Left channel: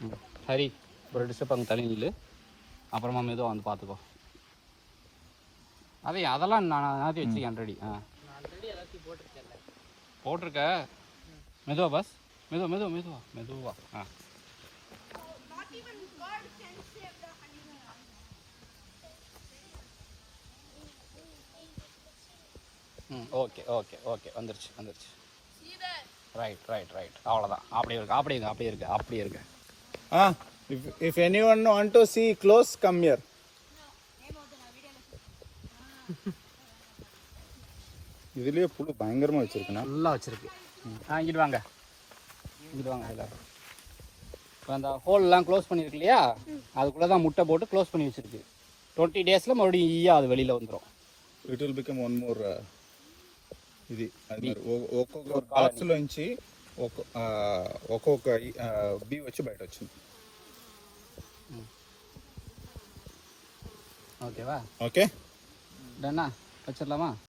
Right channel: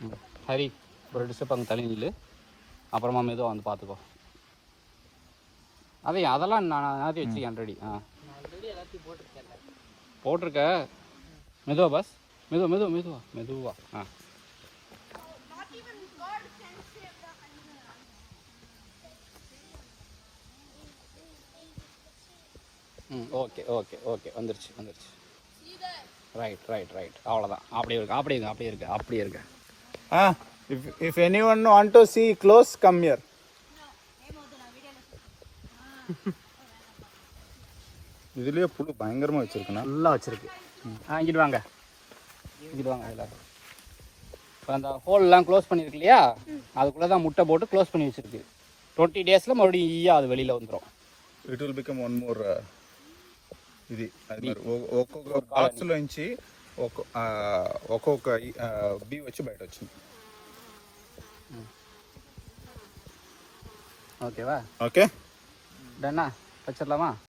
ஹரி ஒரு டிஸ்டர்ப் அங்கே தனி நில்லு, அப்புறமா மெதுவாக வந்து பார்த்துக்கோ. அதெல்லாம் நான் எல்லாத்தையும் வச்சுக்கேன் ரெடி. போட்டிருக்க. மெதுவா பஸ், மெதுவா. ஓகே வந்துருச்சு. ரைட் அவ்வளோதான். அப்படியே இருக்கு. If anyone want to see close, come here. இதுலயே புழு பயங்கரமா வச்சிருக்குண்ணா. நல்லா வச்சிருக்கு. இங்கிட்டு வாங்க இல்லை. இப்போ அந்த ஹோல்லாம் க்ளோஸ் பண்ணியிருக்கு இல்லையா, அதுக்குள்ளே தான் முட்டை போட்டு க்ளோஸ் பண்ணி வச்சிருக்கு. 20 days மறுபடியும் ஈயா அது வெளியில் வந்துடும். It will become one more ఇది ఒక్కొక్క బాక్స్లోంచి ఒక్కొక్క బీ వచ్చి బయట వచ్చింది. ஓகேவா? ஓகே டன்னா வச்சிடலாமா?